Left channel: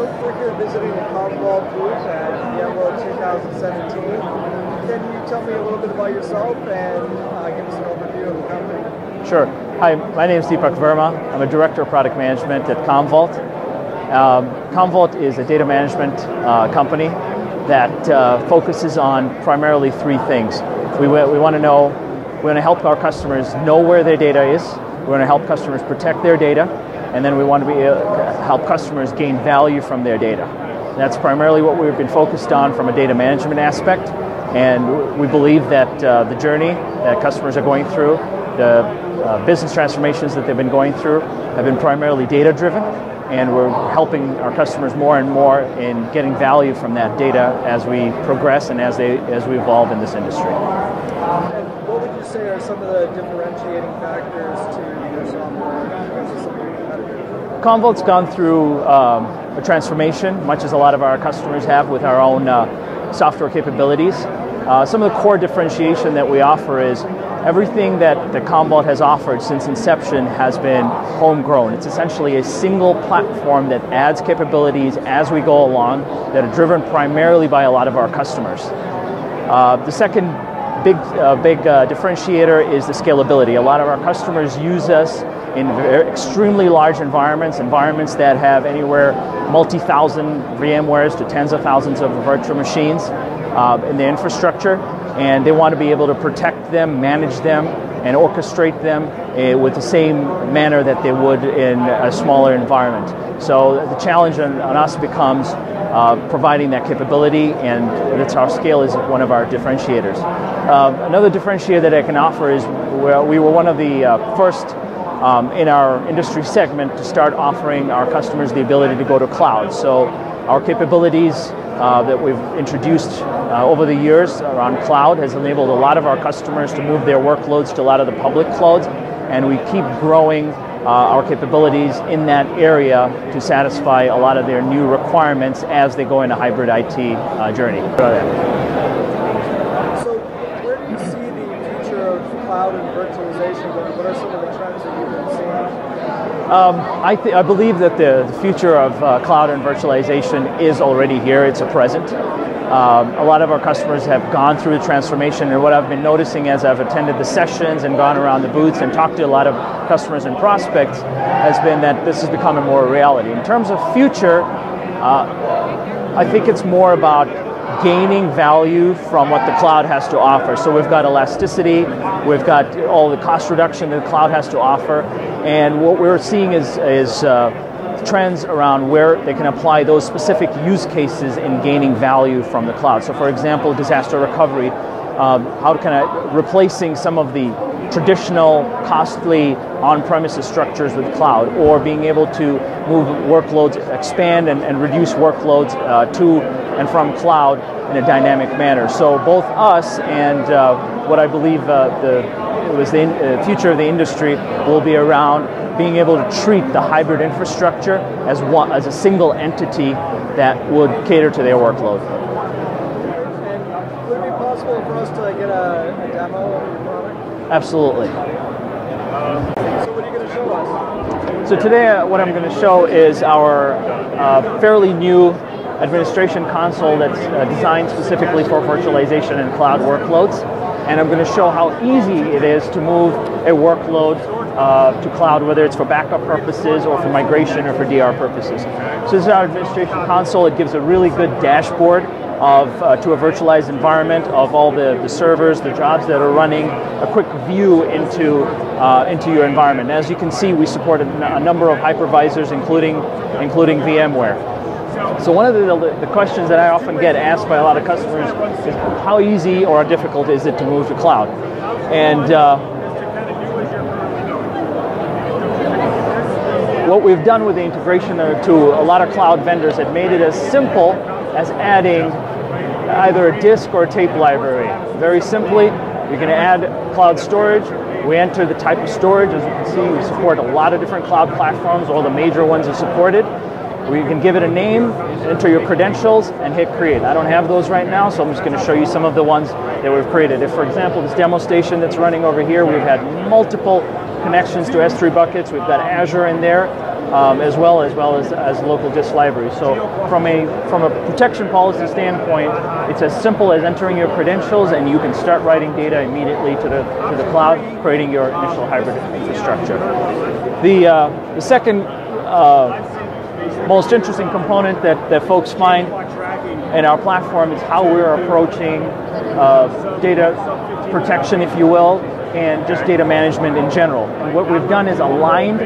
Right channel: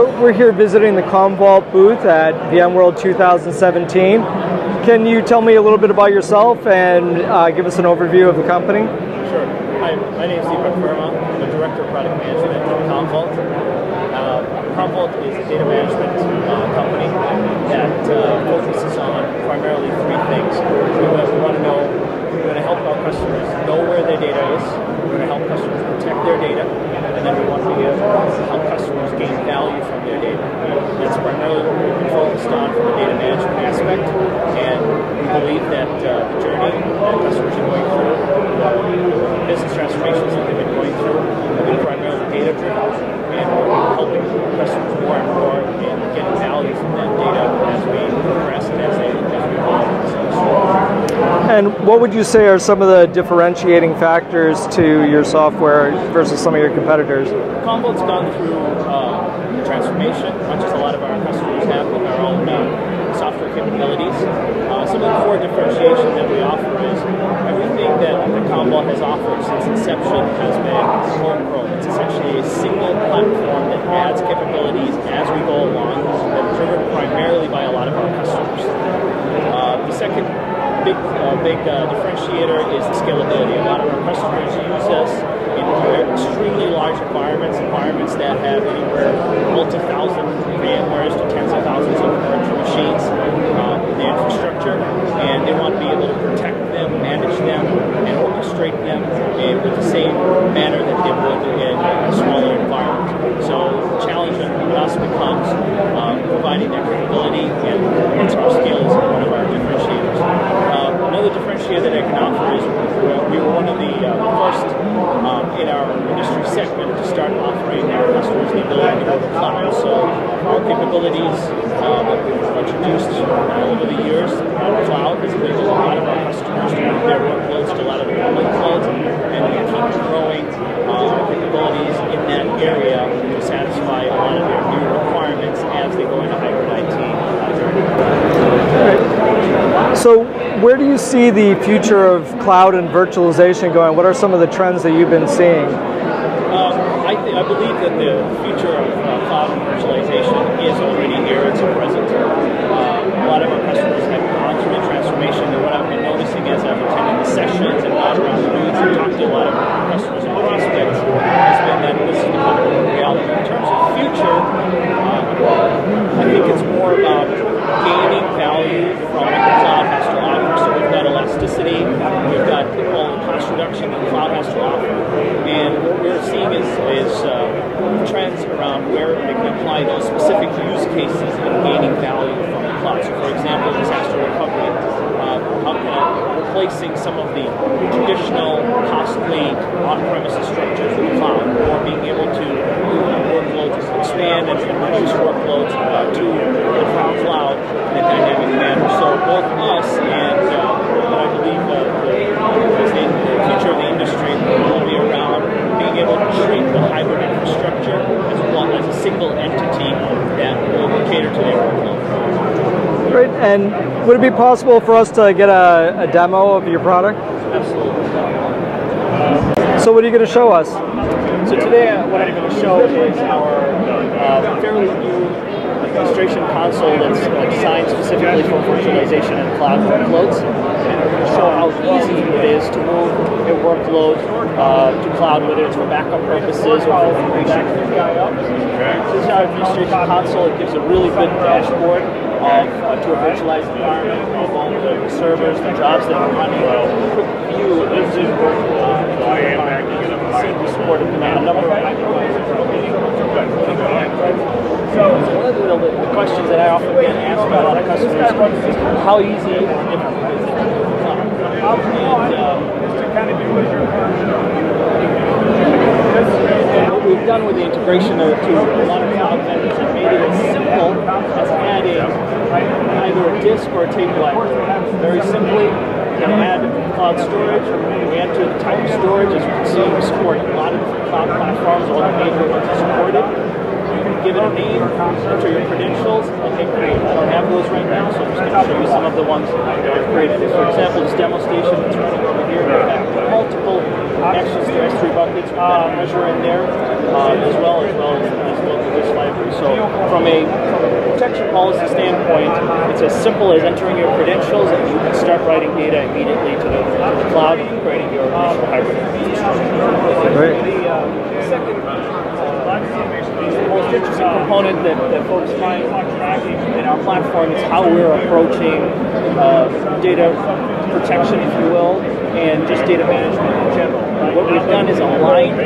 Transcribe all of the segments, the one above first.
So we're here visiting the Commvault booth at VMworld 2017. Can you tell me a little bit about yourself and give us an overview of the company? Sure. Hi, my name is Deepak Verma. I'm a Director of Product Management at Commvault. Commvault is a data management company that focuses on primarily three things. We want to help our customers know where their data is. We want to help customers protect their data, and then we want to help customers gain value from their data. That's primarily what we've been focused on from a data management aspect, and we believe that the journey that customers are going through, the business transformations that they've been going through, have been primarily data-driven, and we're helping our customers more and more in getting value from that data as we progress and as we evolve in this industry. And what would you say are some of the differentiating factors to your software versus some of your competitors? Commvault's gone through the transformation, much as a lot of our customers have with our own software capabilities. Some of the core differentiation that we offer is everything that Commvault has offered since inception has been homegrown. It's essentially a single platform that adds capabilities as we go along that are driven primarily by a lot of our customers. The second big differentiator is the scalability. A lot of our customers use us in extremely large environments that have anywhere multi-thousand VMwares to tens of thousands of virtual machines in the infrastructure, and they want to be able to protect them, manage them, and orchestrate them with the same manner that they would in a smaller environment. So the challenge on us becomes providing that capability, and it's our scale is one of our differentiators. Another differentiator that I can offer is we were one of the first in our industry segment to start offering our customers the ability to go to cloud. So our capabilities that we've introduced over the years around cloud has enabled a lot of our customers to move their workloads to a lot of the public clouds, and we keep growing our capabilities in that area to satisfy a lot of their new requirements as they go into hybrid IT journey. So where do you see the future of cloud and virtualization going? What are some of the trends that you've been seeing? I believe that the future of cloud and virtualization is already here. It's present. A lot of our customers have gone through the transformation, and what I've been noticing as I've attended the sessions and gone around the booths and talked to a lot of customers and prospects has been that this is becoming more reality. In terms of future, I think it's more about gaining value from what the cloud has to offer. So we've got elasticity, we've got all the cost reduction that the cloud has to offer, and what we're seeing is trends around where they can apply those specific use cases in gaining value from the cloud. So for example, disaster recovery, how kind of replacing some of the traditional costly on-premises structures with cloud, or being able to move workloads, expand and reduce workloads to and from cloud in a dynamic manner. So both us and what I believe the future of the industry will be around being able to treat the hybrid infrastructure as a single entity that would cater to their workload. Great. And would it be possible for us to get a demo of your product? Absolutely. So what are you going to show us? So today what I'm going to show is our fairly new administration console that's designed specifically for virtualization and cloud workloads. And I'm going to show how easy it is to move a workload to cloud, whether it's for backup purposes or for migration or for DR purposes. So this is our administration console. It gives a really good dashboard to a virtualized environment of all the servers, the jobs that are running, a quick view into your environment. And as you can see, we support a number of hypervisors, including VMware. So one of the questions that I often get asked by a lot of customers is how easy or difficult is it to move to cloud? And what we've done with the integration to a lot of cloud vendors and made it as simple as adding either a disk or a tape library. Very simply, you can add cloud storage. We enter the type of storage. As you can see, we support a lot of different cloud platforms. All the major ones are supported. We can give it a name, enter your credentials, and hit create. I don't have those right now, so I'm just going to show you some of the ones that we've created. If, for example, this demo station that's running over here, we've had multiple connections to S3 buckets. We've got Azure in there, as well as local disk library. So from a protection policy standpoint, it's as simple as entering your credentials, and you can start writing data immediately to the cloud, creating your initial hybrid infrastructure. Right. The second most interesting component that folks find in our platform is how we're approaching data protection, if you will, and just data management in general. What we've done is aligned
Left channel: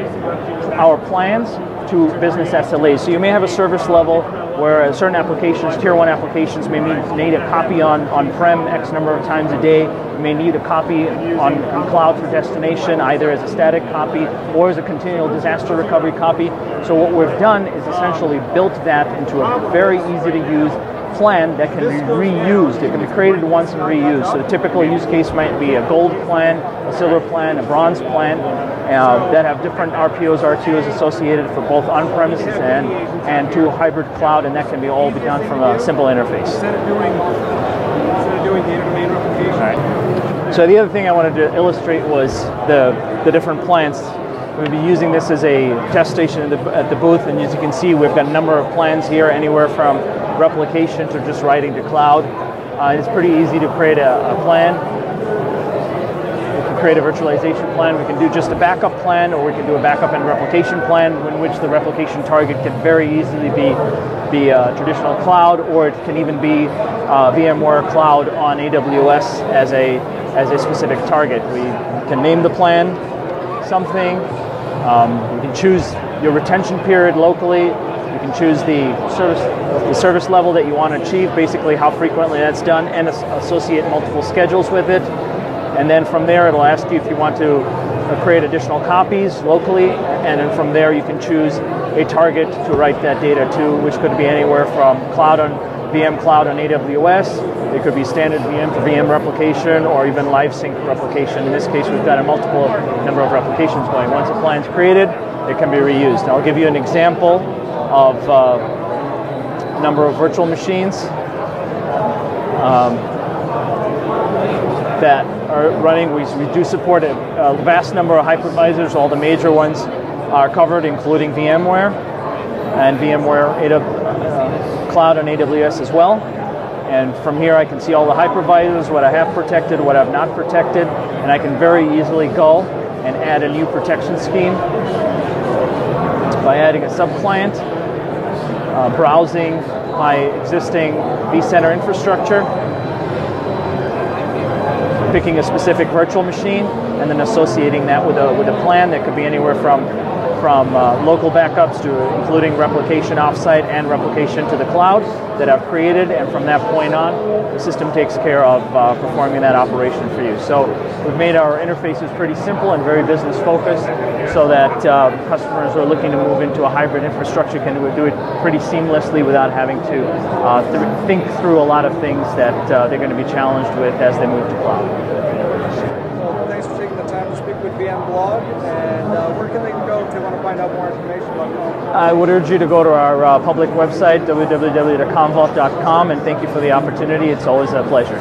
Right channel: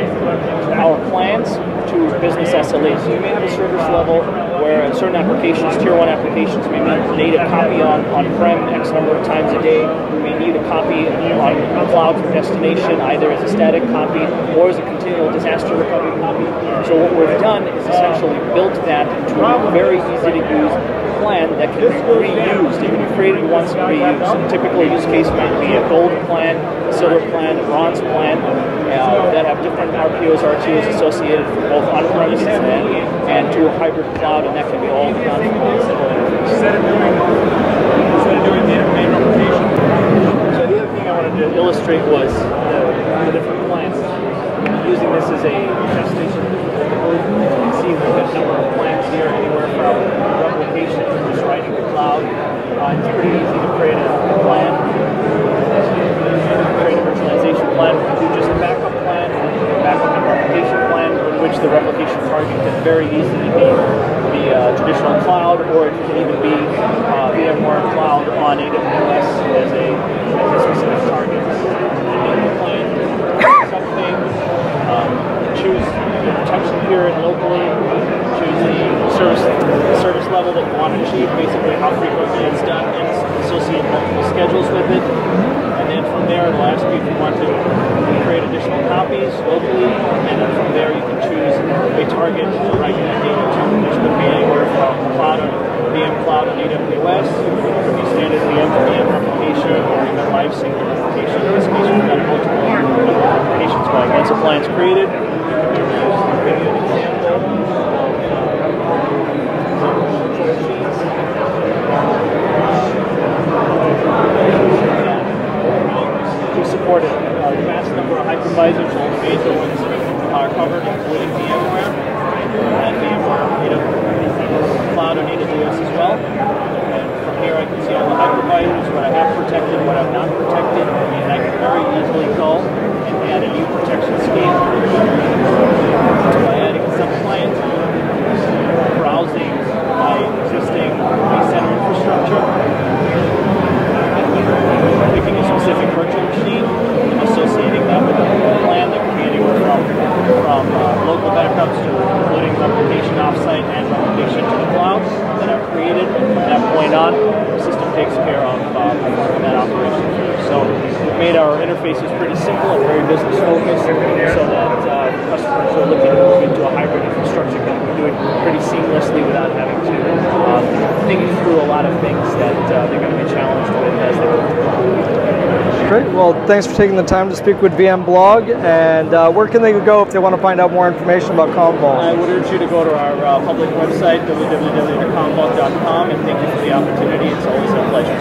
our plans to business SLAs. So you may have a service level where certain applications, tier 1 applications, maybe need a copy on-prem X number of times a day, may need a copy on cloud from destination, either as a static copy or as a continual disaster recovery copy. So what we've done is essentially built that into a very easy to use plan that can be reused. It can be created once and reused. So the typical use case might be a gold plan, a silver plan, a bronze plan that have different RPOs, RTOs associated for both on-premises and to a hybrid cloud, and that can be all done from a simple interface. Instead of doing data domain replication. So the other thing I wanted to illustrate was the different plans. We've been using this as a test station at the booth, and as you can see, we've got a number of plans here, anywhere from replication to just writing to cloud. It's pretty easy to create a plan, create a virtualization plan. We can do just a backup plan, or we can do a backup and replication plan, in which the replication target can very easily be the traditional cloud, or it can even be VMware cloud on AWS as a specific target. To name the plan something, choose your retention period locally, choose the service level that you want to achieve, basically how frequently that's done, and associate multiple schedules with it. And then from there, it'll ask you if you want to create additional copies locally, and then from there you can choose a target to write that data to, which could be anywhere from VM cloud on AWS. It could be standard VM to VM replication, or even live sync replication. In this case, we've got a multiple number of replications going. Once a plan's created, it can be reused. And I'll give you an example of a number of virtual machines that are running. We do support a vast number of hypervisors. All the major ones are covered, including VMware and VMware Cloud on AWS as well. And from here I can see all the hypervisors, what I have protected, what I've not protected, and I can very easily go and add a new protection scheme by adding a subclient, browsing my existing vCenter infrastructure, picking a specific virtual machine, and then associating that with a plan that could be anywhere from local backups to including replication offsite and replication to the cloud that I've created, and from that point on, the system takes care of performing that operation for you. So we've made our interfaces pretty simple and very business focused, so that customers who are looking to move into a hybrid infrastructure can do it pretty seamlessly without having to think through a lot of things that they're going to be challenged with as they move to cloud. Great. Well, thanks for taking the time to speak with VMblog. And where can they go if they want to find out more information about Commvault? I would urge you to go to our public website, www.commvault.com, and thank you for the opportunity. It's always a pleasure.